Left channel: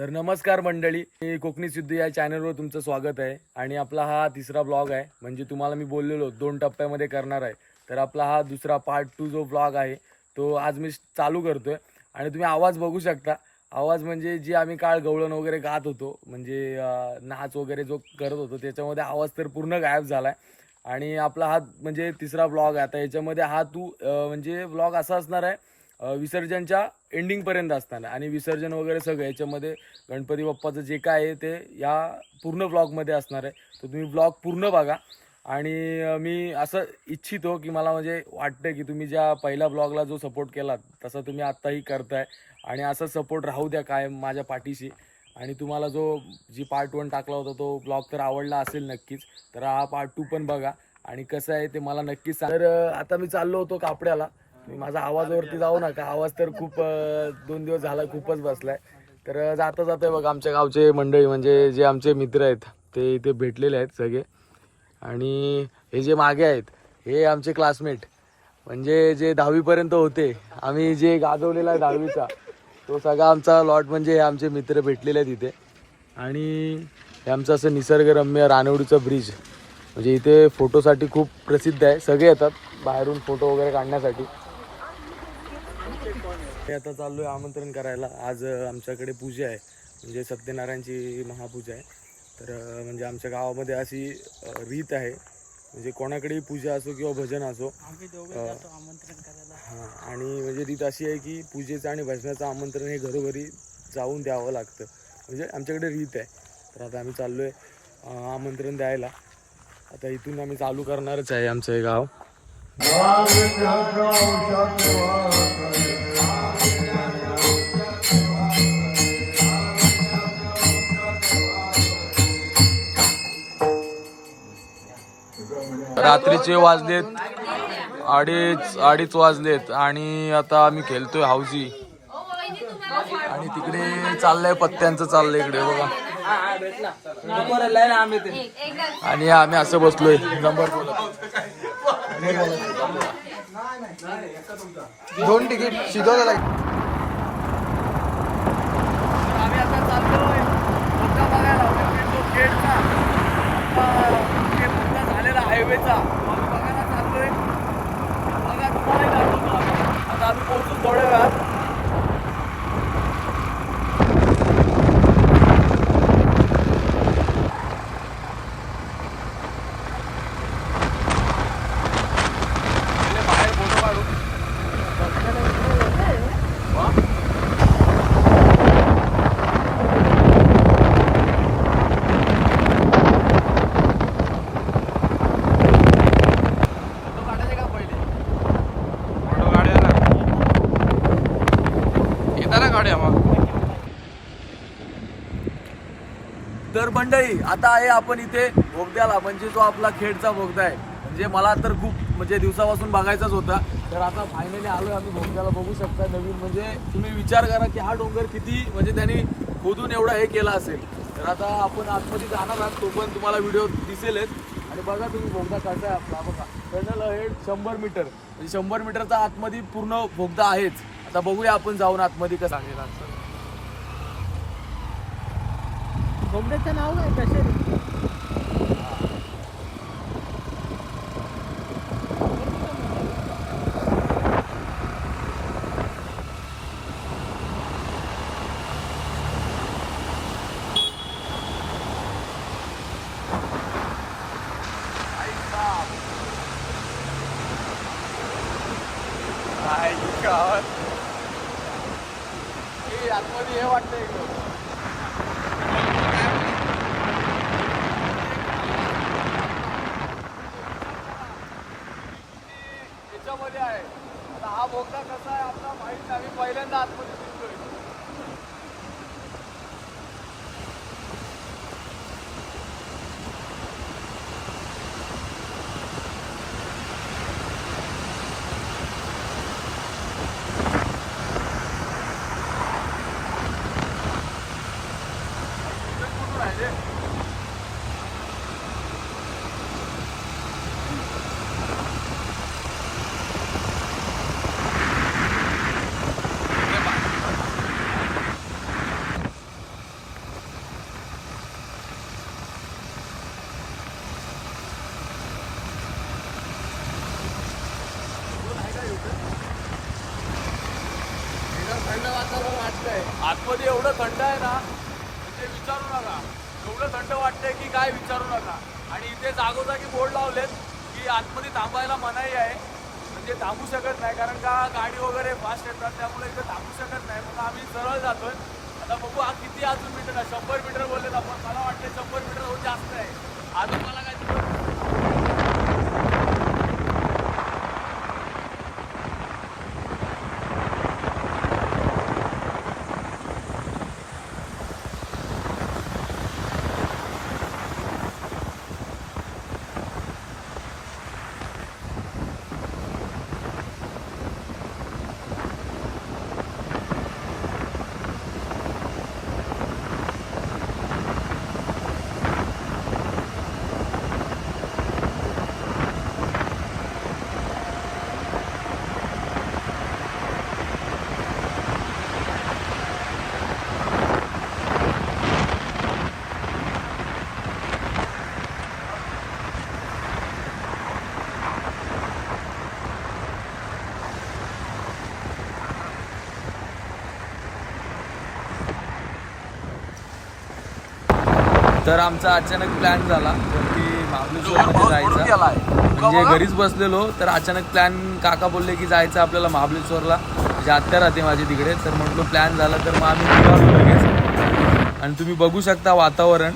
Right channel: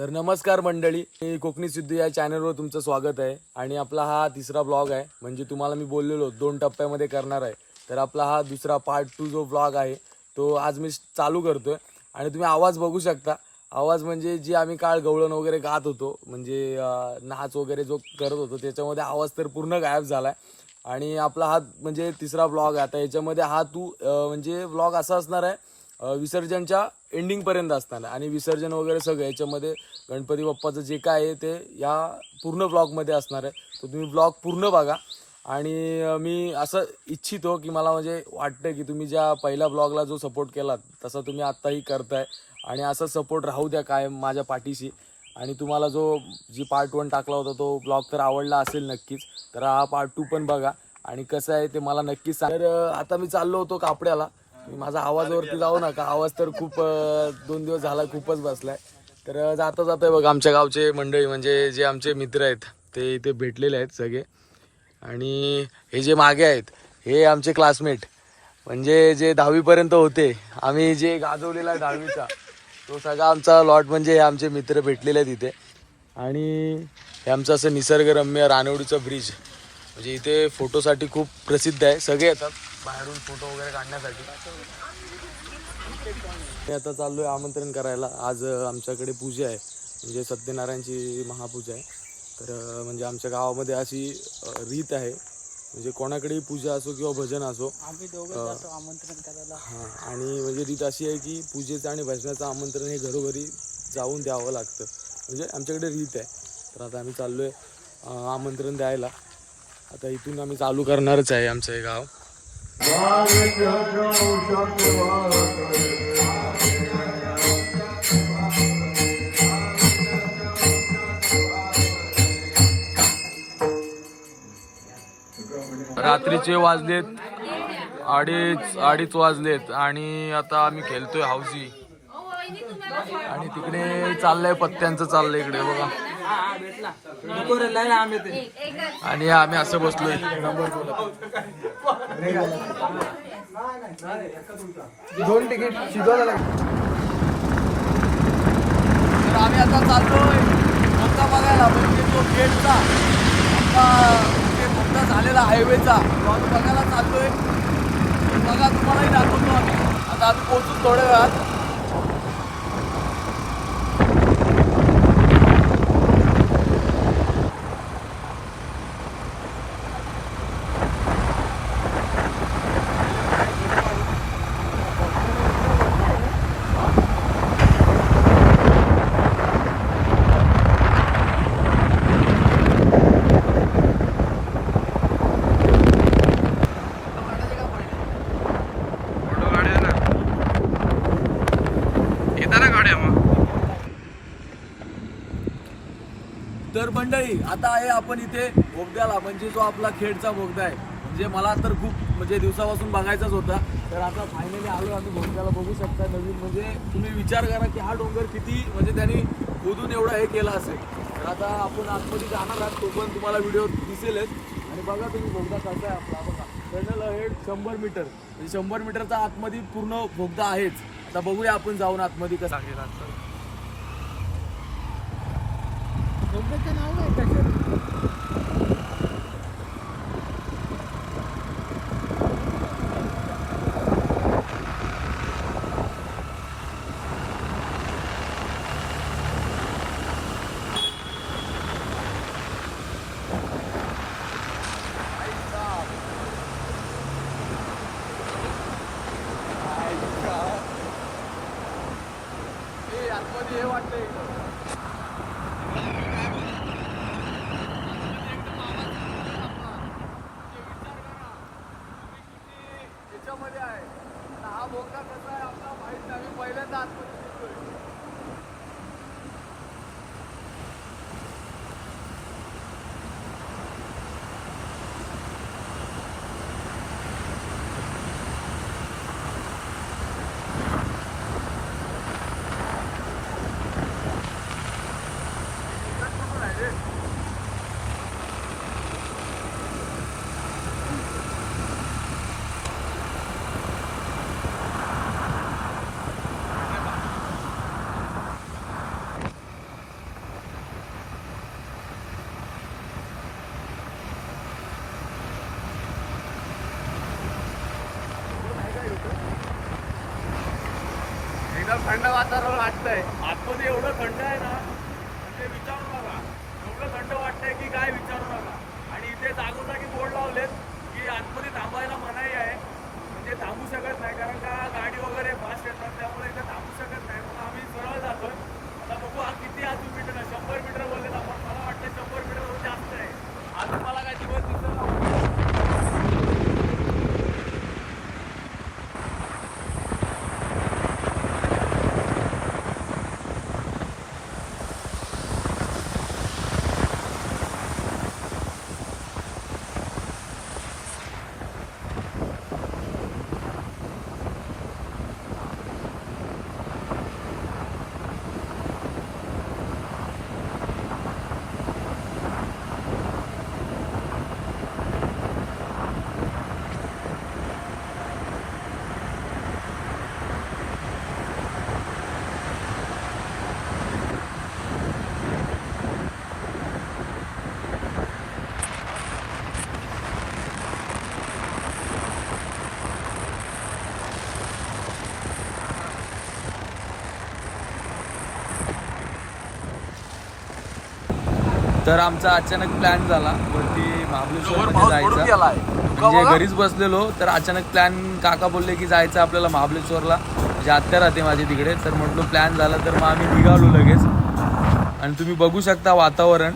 तर नमस्कार मंडळी, मी कोकणी सिद्धू या चॅनलवर तुमचं स्वागत आहे. आणि आपला हा तिसरा ब्लॉग आहे. म्हणजे तुम्हाला मी बोललेलो 2 टप्प्यामध्ये करणार आहे. तर आपला हा दुसरा पार्ट 2 जो ब्लॉग आहे तो आज मी चालू करतोय. आणि तुम्ही आवाज बघू शकता. आवाज म्हणजे जी आम्ही काळ गवळण वगैरे गात होतो, म्हणजे नाच वगैरे जो करत होतो, त्याच्यामध्ये आवाज तर पूर्ण गायब झालाय. आणि आपला हा म्हणजे तिसरा ब्लॉग आहे. आता याच्यामध्ये हा म्हणजे ब्लॉग असा असणार आहे विसर्जनच्या एंडिंगपर्यंत असताना. आणि विसर्जन वगैरे सगळं याच्यामध्ये गणपती बाप्पाचं जे काय आहे ते या पूर्ण ब्लॉगमध्ये असणार आहे. तर तुम्ही ब्लॉग पूर्ण बघा. आणि मी असं इच्छितो की मला म्हणजे वाटतं की तुम्ही ज्या पहिल्या ब्लॉगला जो सपोर्ट केलात तसा तुम्ही आत्ताही करताय. आणि असा सपोर्ट राहू द्या कायम माझ्या पाठीशी. आणि तुम्हाला जी पार्ट 1 टाकला होता तो ब्लॉग तर आवडला असेल नक्कीच. तर हा पार्ट 2 पण बघा. आणि कसं आहे ते मला नक्कीच सांगा. तर आता मी चाललो होतो कापड्याला. मी माझा आवाजावरती जाऊ नका, आवाज तर खूप 2 दिवस झाला खूपच बसलाय. तर जाता जाता बघ आमच्या गावचे मंडळी म्हणजे जे आमचे मित्र आहेत ते इथे भेटलेले आहेत सगळे. आणि हे जे मागे आहेत हे आमचे क्लासमेट, म्हणजे जे 10वीपर्यंत होते. आम्ही जे गाजवलेला आहे 10वीचा तो सगळा आमचा लॉट, म्हणजे हे आमचे मित्र भेटलेले आहेत इथे. आणि हे आमचं असं निसर्गरम्य रानवडीचं ब्रिज, म्हणजे इथे फोटोसाठी खूप प्रसिद्ध आहे. सगळे येतात बाहेरून फोटो वगैरे काढण्यासाठी. ते आता चाललोय आमंत्रण करायला. आज आमच्याकडे पूजा आहे, म्हणजे सत्यनारायणची महापूजा आहे. तर म्हणजे आमच्या गावामध्ये अशी रीत आहे, म्हणजे कोणाकडेही पूजा असो किंवा भजन असो, आम्ही दोघं जातो आमंत्रण करायला. हां. आणि म्हणजे रीत अशी आहे की पूजेचं आणि भजनाचं आमंत्रण हे घरोघरी जाऊन द्यावं लागतं, म्हणजे आमच्याकडे रीत आहे. तर आता आम्ही चाललोय आमंत्रण द्यायला. आता इथून आम्ही चालू करणारच आहे आमचं हे गाव. रात्रीचे वाजलेत अडीच वाजलेत आणि आता आम्ही खेळतोय हाऊसी. आणि तिकडे चाललंय पत्त्यांचं चाललंय इकडे बघा. आणि आम्ही असं बसलोय नंबर बोलत. 2 तिकीट शिजवलं. आम्ही आता चाललोय मोठा बघायला, म्हणजे तो गेटचा आपला मोठा झालेला हायवेचा तो आम्ही बघायला चाललोय. बघा तुम्हाला दाखवतो आम्ही. आता आम्ही पोहोचून थोड्या वेळात. तर मंडळी आता आहे आपण इथे बोगद्याला, म्हणजे जो आपला खेडचा बोगदा आहे. म्हणजे मला तर खूप म्हणजे दिवसापासून बघायचाच होता. तर आता फायनली आलोय आम्ही बोगद्याला. बघू शकता नवीन, म्हणजे तुम्ही विचार करा की हा डोंगर किती म्हणजे त्यांनी खोदून एवढा हे केला असेल. तर आता आपण आतमध्ये जाणार आहात, तो पण तुम्हाला व्हिडिओ दिसेलच. आणि बघा तुम्ही बोगदा कसा आहे आपला. बघा टनल आहे 100 मीटर, म्हणजे 100 मीटरचा आतमध्ये पूर्ण बोगदा आहेच. आता बघूया आपण जाऊन आतमध्ये कसं आहे. बोगद्याचं नाव काय कसे? आतमध्ये हे वाटतंय त्याच्यामध्ये आहे. आता हा बोगदा कसा आहे आपला माहित नाही, आम्ही पहिल्यांदा आतमध्ये शिरतोय. काय वातावरण वाटतंय. आतमध्ये एवढं थंड आहे ना म्हणजे विचारू नका. एवढं थंड वाटतंय की काय विचारू नका. आणि इथे जागोजागी बोर्ड लावलेत की आतमध्ये थांबायला मनाई आहे. म्हणजे थांबू शकत नाही कारण का गाडी वगैरे फास्ट येतात त्यामुळे इथे थांबू शकत नाही. मग आम्ही सरळ जातोय. आता बघू किती अजून मीटर आहे. 100 मीटर बोलले आपण. मला वाटतं 100 मीटर होऊन जास्त आहे. अजून मला काही तिकीट तर आमचा अचानक प्लॅन झाला वरती महाबळेश्वरमध्ये जायचा. म्हणजे घरीच बसलेलो तर अचानक प्लॅन काका बोलले की जायचं आपल्याला महाबळेश्वरला. म्हणजे आत्या राहते माझी तिकडे. तर म्हटलो प्लॅन झाला तर मग आम्ही निघालो लगेच. आणि तुम्ही बघू शकता वातावरण.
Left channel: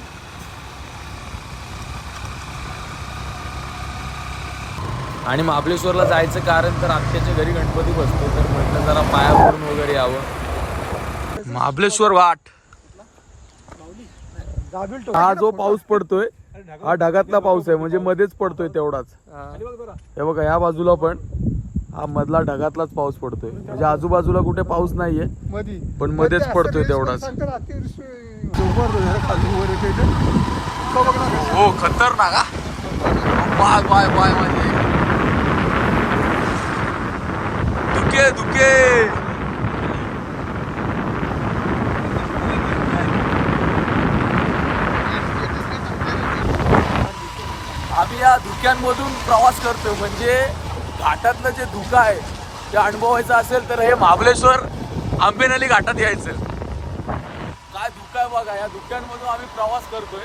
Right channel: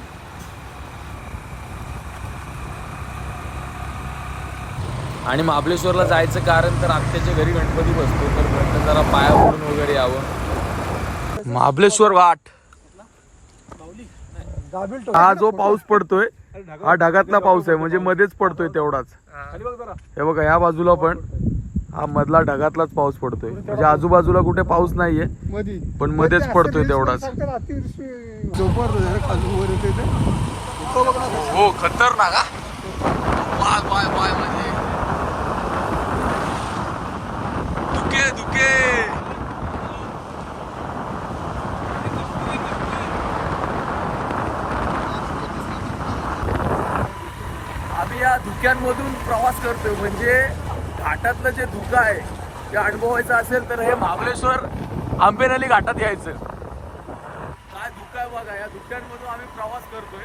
आणि महाबळेश्वरला जायचं कारण तर आत्याच्या घरी गणपती बसतो तर म्हटलं जरा पाया पडून वगैरे यावं. महाबळेश्वर घाट. हा जो पाऊस पडतोय हा ढगातला पाऊस आहे म्हणजे मध्येच पडतोय तेवढाच. हे बघा या बाजूला पण हा मधला ढगातलाच पाऊस पडतोय म्हणजे आजूबाजूला कुठे पाऊस नाहीये पण मध्येच पडतोय तेवढाच. हो खतरनाक. बाय बाय बाय म्हणजे धुके धुके. आम्ही या धुक्यांमधून प्रवास करतोय म्हणजे घाटातलं जे धुकं आहे ते अनुभवायचं असेल तर हे महाबळेश्वर आंबेनळी घाटात यायचं. काय धुकं आहे बघा. या धुक्यांमधून आम्ही प्रवास करतोय.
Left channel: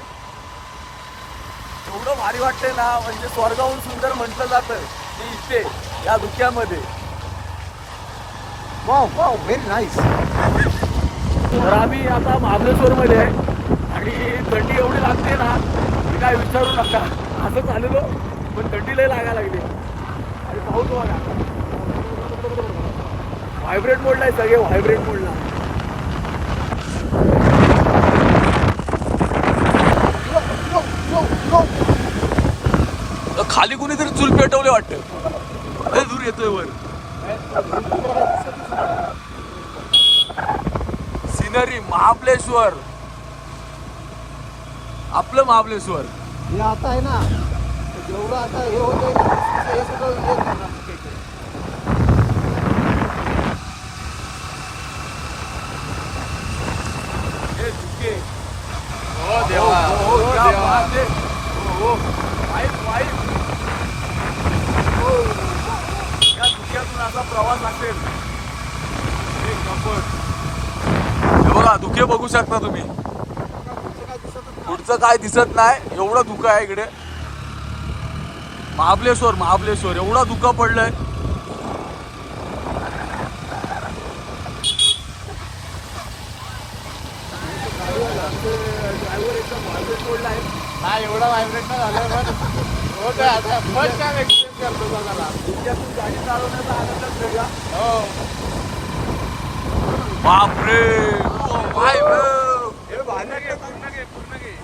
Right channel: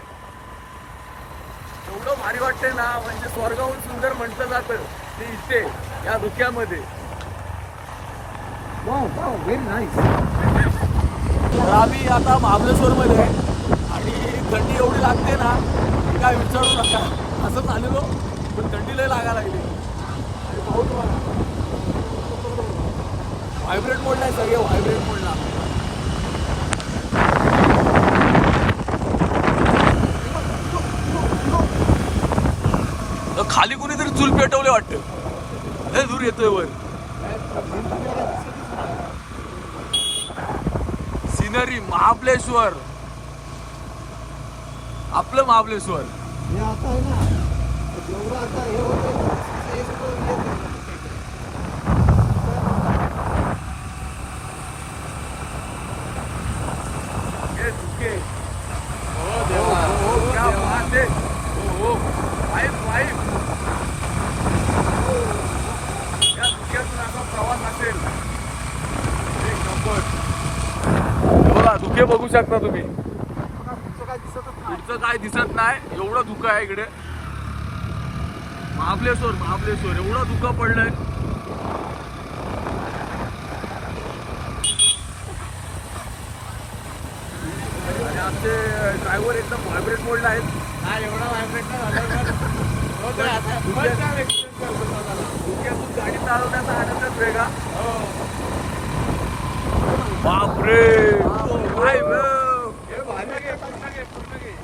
एवढं भारी वाटतंय ना म्हणजे स्वर्गाहून सुंदर म्हटलं जातं ते इथे या धुक्यामध्ये. Very nice. तर आम्ही आता महाबळेश्वरमध्ये आणि थंडी एवढी लागते ना काय विचारू नका. असं चाललेलो पण थंडी लय लागायला लागली. आणि पाऊस बघा व्हायब्रेट मोडला आहे सगळे व्हायब्रेट मोडला. खाली कुणीतरी चूल पेटवले वाटतं. लय दूर येतोय वर. सिनरी महाबळेश्वर आपलं महाबळेश्वर. हे आता आहे ना जेवढं आता हे होतंय हे सगळं असा प्रवास असेल. बघा धुके बघू शकता तुम्ही. पुढचं काय दिसत नाही एवढं धुकं आहे इकडे. महाबळेश्वर महाबळेश्वर एवढा धुकं पडलंय. आमचे ड्रायव्हर एकदम व्हायब्रेट मोडला आहे. हा एवढा व्हायब्रेट नाही झालं धुक्यातून गाडी चालवण्याचा आनंदच वेगळा. बापरे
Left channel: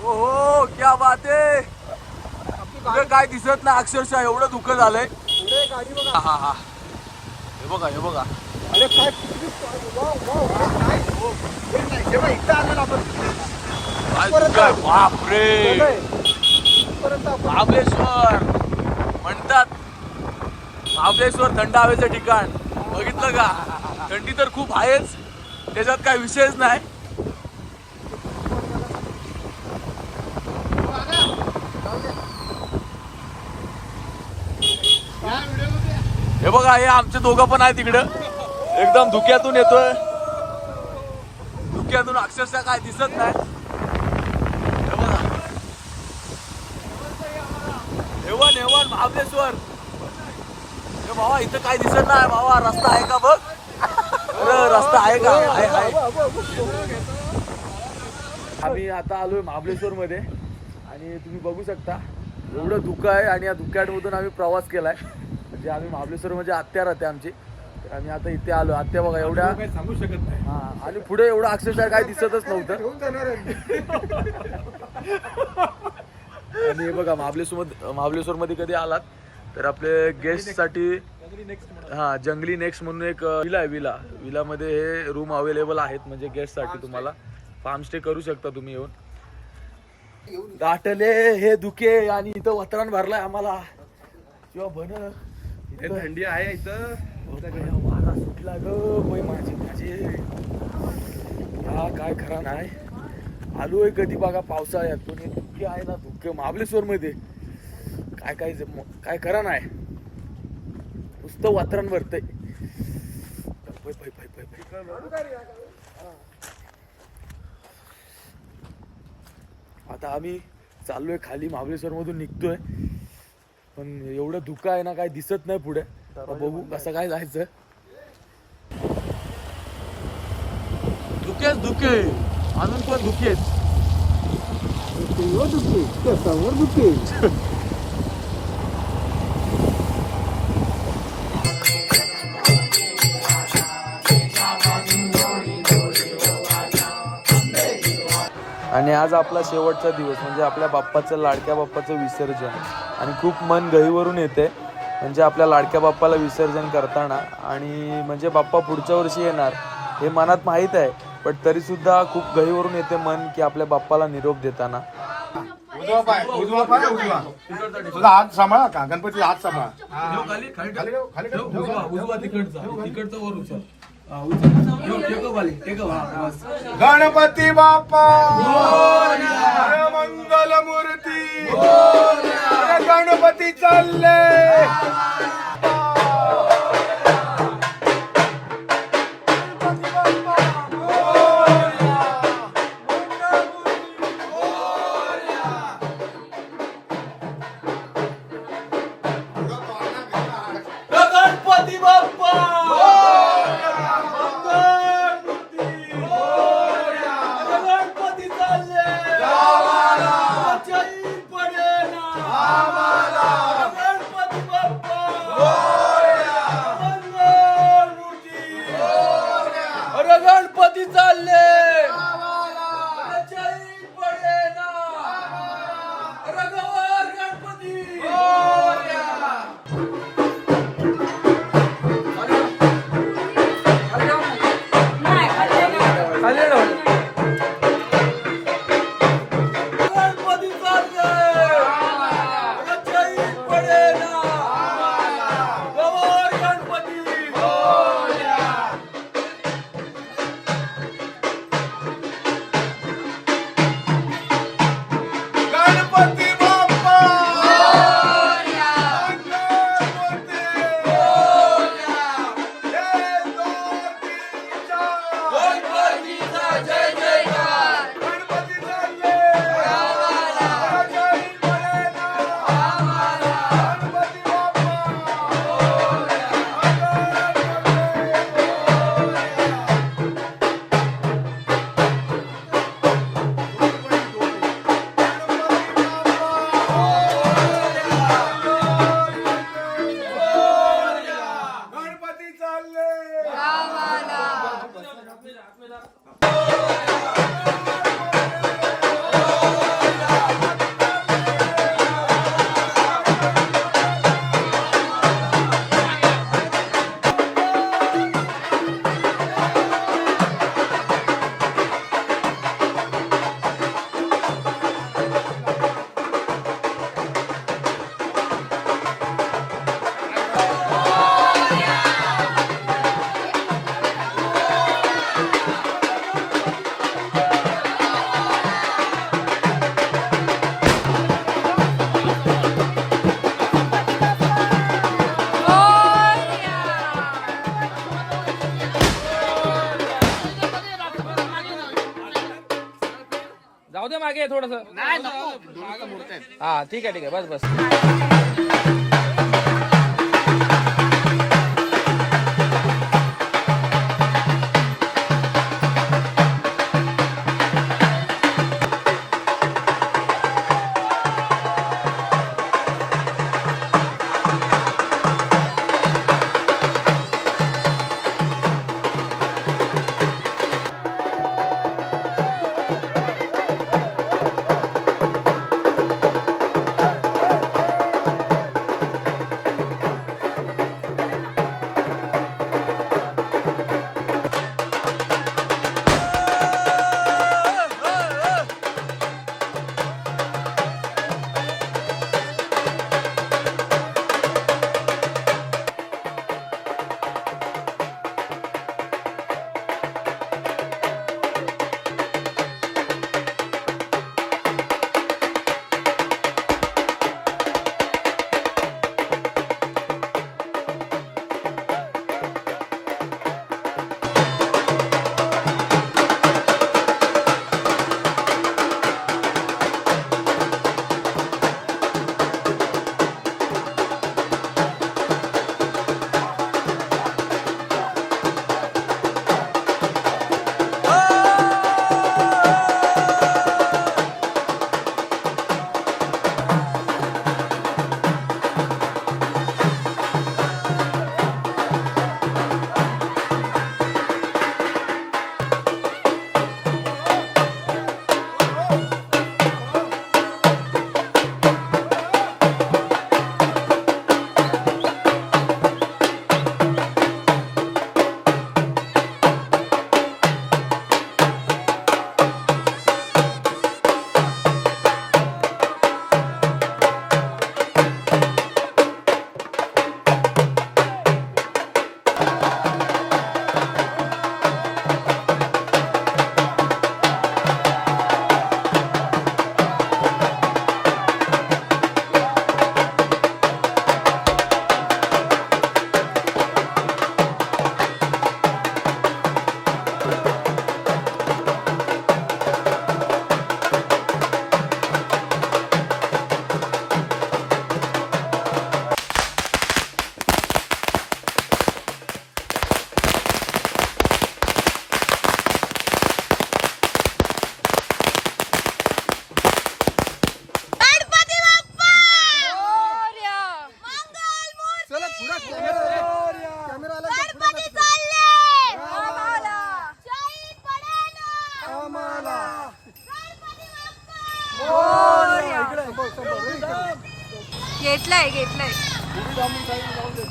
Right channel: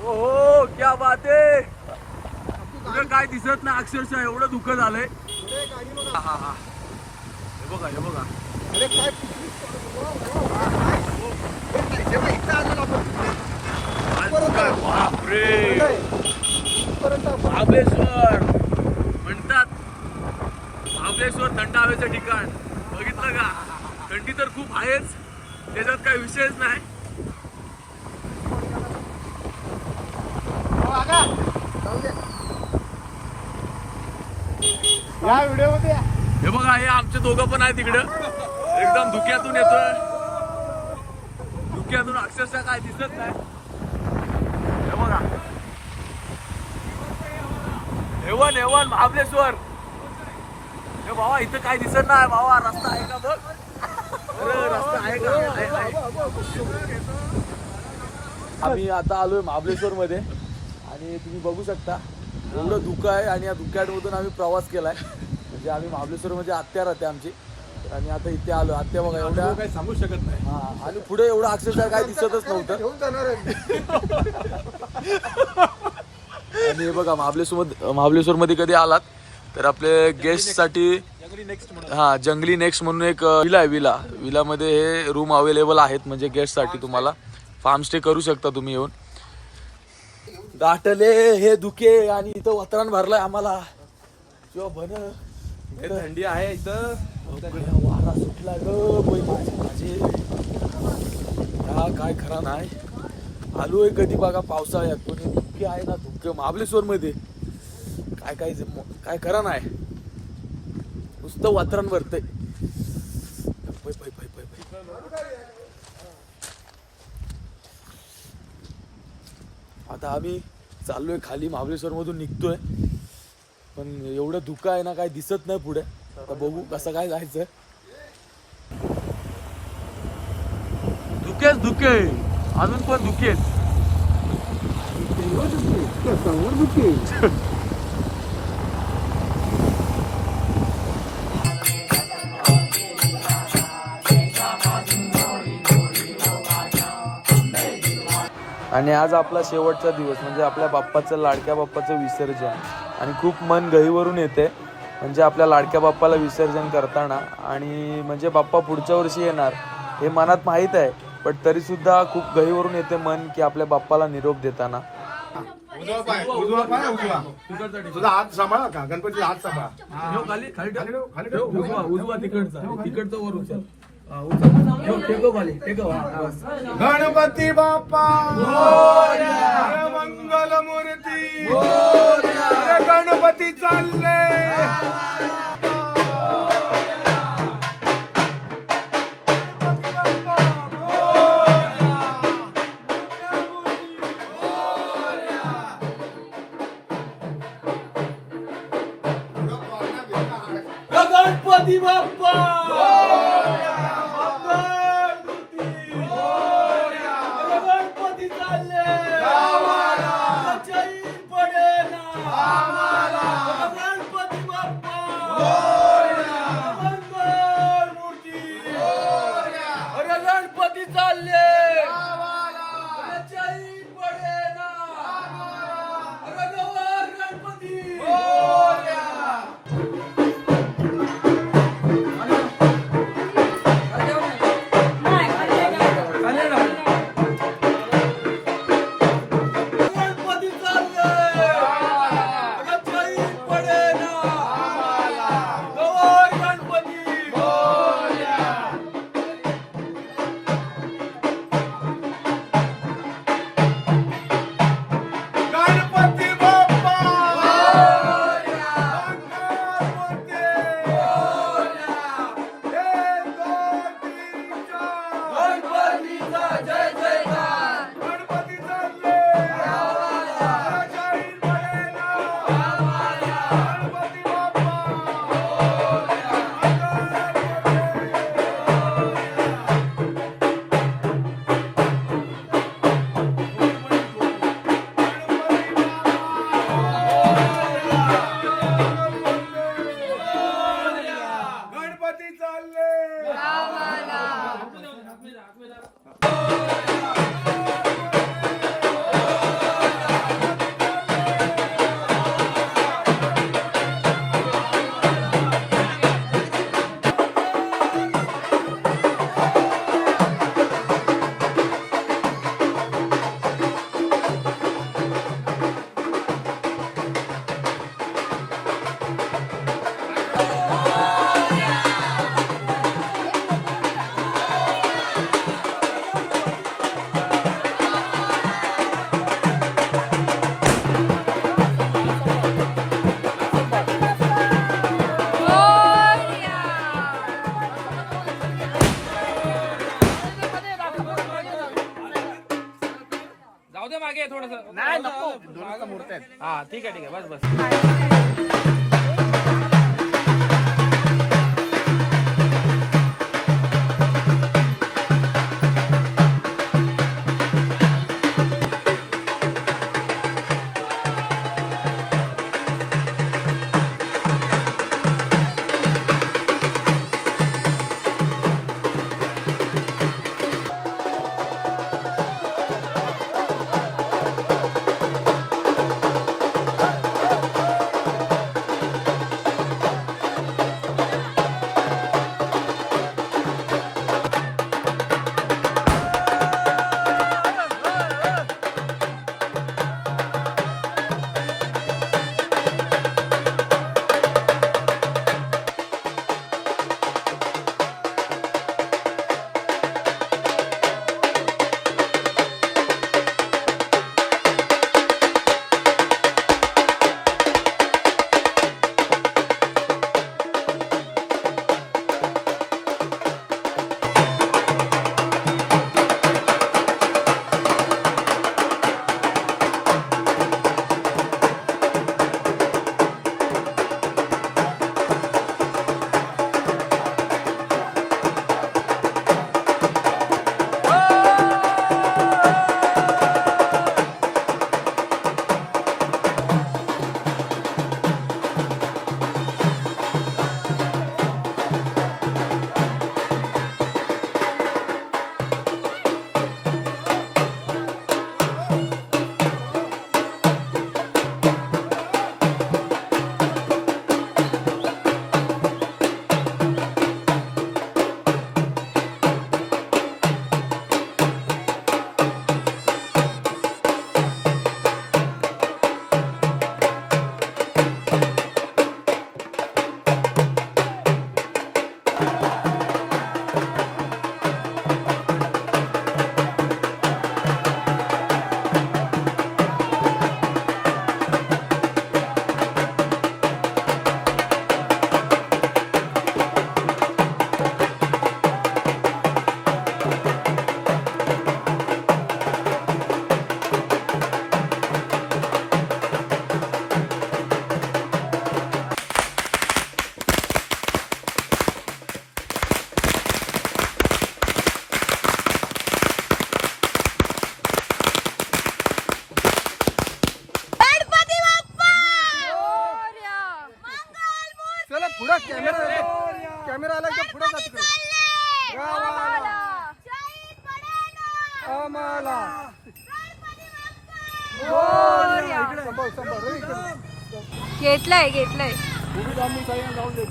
हो क्या बात आहे. तुझं काय दिसत नाही अक्षरशः एवढं धुकं झालंय. हा हा हा हे बघा हे बघा. बापरे महाबळेश्वर म्हणतात महाबळेश्वर थंड हवेचं ठिकाण. बघितलं का थंडी तर खूप आहेच त्याच्यात काय विषयच नाही. हे बघा हे आमचे दोघं पण आहे तिकडं एकदम धुक्यातून येतोय. धुक्यातून अक्षरशः काय दिसत नाही. हे बघा हेवन हेवन महाबलेश्वर. हे भावा इथं काय दिसत नाही भावा. रस्ता आहे का बघ. अरे रस्ता आहे का. आहे. आम्ही आता आलोय महाबलेश्वर मध्ये आणि तुम्ही बघू शकता एवढं धुकं आहे आणि या धुक्यामधून आम्ही प्रवास केलाय. म्हणजे आम्ही महाबलेश्वर म्हणजे आत्या राहते आमची. तर आम्ही आता इथे आलो. आत्या बघा एवढ्या काही सांगू शकत नाही. हा आणि पुढे एवढं अक्षरशः काय दिसतच नव्हतं. घेऊन जाणार आहे. आणि हे बघा महाबलेश्वर मध्ये कधी आलात तर आपले गेस्ट साठी जंगली नेक्स्ट म्हणून एक विला आहे. विलामध्ये हे रूम अवेलेबल आहेत. म्हणजे गेस्ट साठी तुम्हाला फार्म स्टे करू शकता तुम्ही येऊन. दाटले हे धुके आणि इथं वातावरण भरलंय आम्हाला किंवा बन थंडी आहे इथं. वारा सुटला ग माझे हा काय खरा नाही. आलोय कधी बघा पावसाळ्यात पण हे धुके आहे ना. धुके महाबलेश्वर मध्ये काय खरा नाही. नुसतं वातावरण भरतंय. आता आम्ही चाललोय खाली महाबलेश्वर मधून निघतोय. पण एवढं धुकं आहे ना काय दिसत नाही पुढे. आता बघू कसं काय जायचं. धुके अजून पण धुकेच. आणि आज आपला शेवटचा दिवस म्हणजे आपल्या बाप्पाचं लाडक्या बाप्पाचं विसर्जन. आणि खूप मन गहिवरून येते म्हणजे आपल्या लाडक्या बाप्पाला विसर्जन करताना. आणि म्हणजे बाप्पा पुढच्या वर्षी येणार हे मनात माहीत आहे पण तरी सुद्धा खूप गहिवरून येते मन की आपल्या बाप्पाला निरोप देताना. तुझा हात सांभाळा का. गणपतीला हात सांभाळा. गणपती बाप्पा मंगल मूर्ती. गणपती चालले. गणपती बाप्पा राहू दे मागे थोडस. नाही हा ठीक आहे बस बस. चला पुढं कॅमेरा आला का पुढं घेतलंय घेतलंय. उभी थांबून सगळ्यांना जाऊन दे.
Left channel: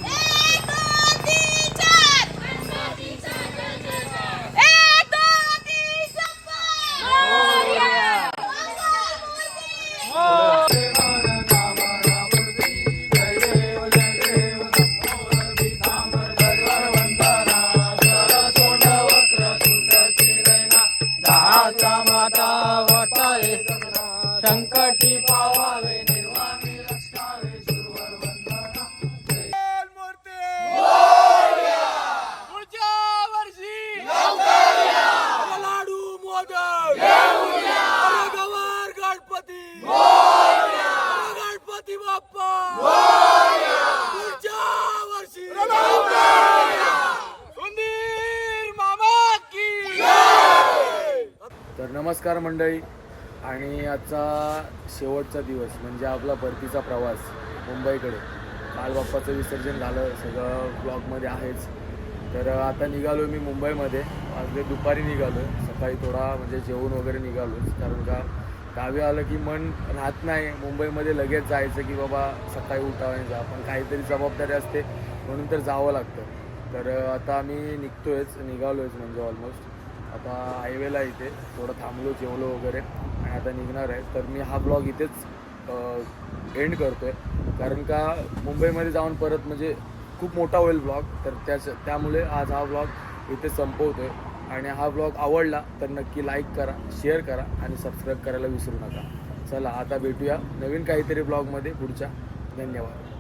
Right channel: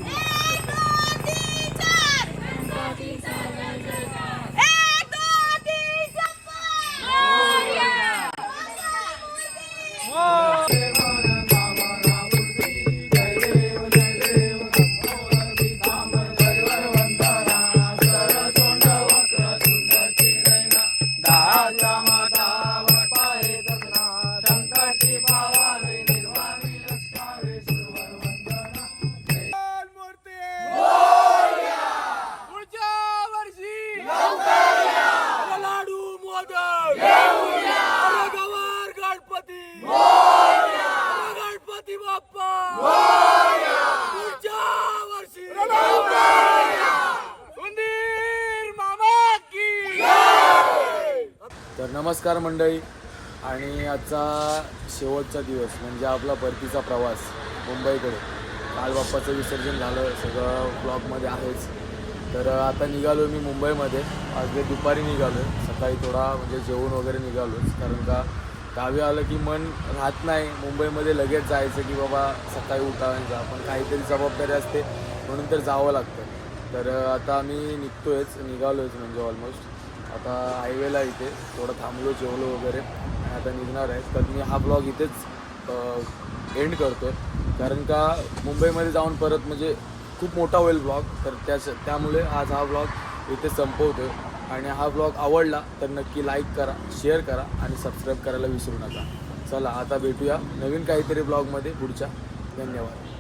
तर नमस्कार मंडळी, आणि आजचा शेवटचा दिवस म्हणजे आपला परतीचा प्रवास मुंबईकडे. काल बाप्पाचं विसर्जन झालं, सगळं ब्लॉगमध्ये आहेच. तर आता निघालो मी मुंबईमध्ये. आज दुपारी निघालो आहे, सकाळी थोडा म्हणजे जेवण वगैरे निघालोच, कारण का गावी आलं की मन राहत नाही मुंबईमध्ये लगेच जायचं की बाबा सकाळी उठावं जा, पण काहीतरी जबाबदारी असते म्हणून तर जावं लागतं. तर आता आम्ही निघालोच म्हणजे ऑलमोस्ट. आता हायवेला इथे थोडं थांबलो, जेवलो वगैरे आणि आता निघणार आहे. तर मी हा ब्लॉग इथेच एंड करतो आहे, कारण का मुंबईमध्ये जाऊन परत म्हणजे खूप मोठा होईल ब्लॉग. तर त्यामुळे आज हा ब्लॉग इथे संपवतो आहे. आणि हा ब्लॉग आवडला तर नक्की लाईक करा, शेअर करा आणि सबस्क्राईब करायला विसरू नका. चला आता भेटूया नवीन काहीतरी ब्लॉगमध्ये पुढच्या. धन्यवाद.